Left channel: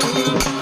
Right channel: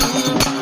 あ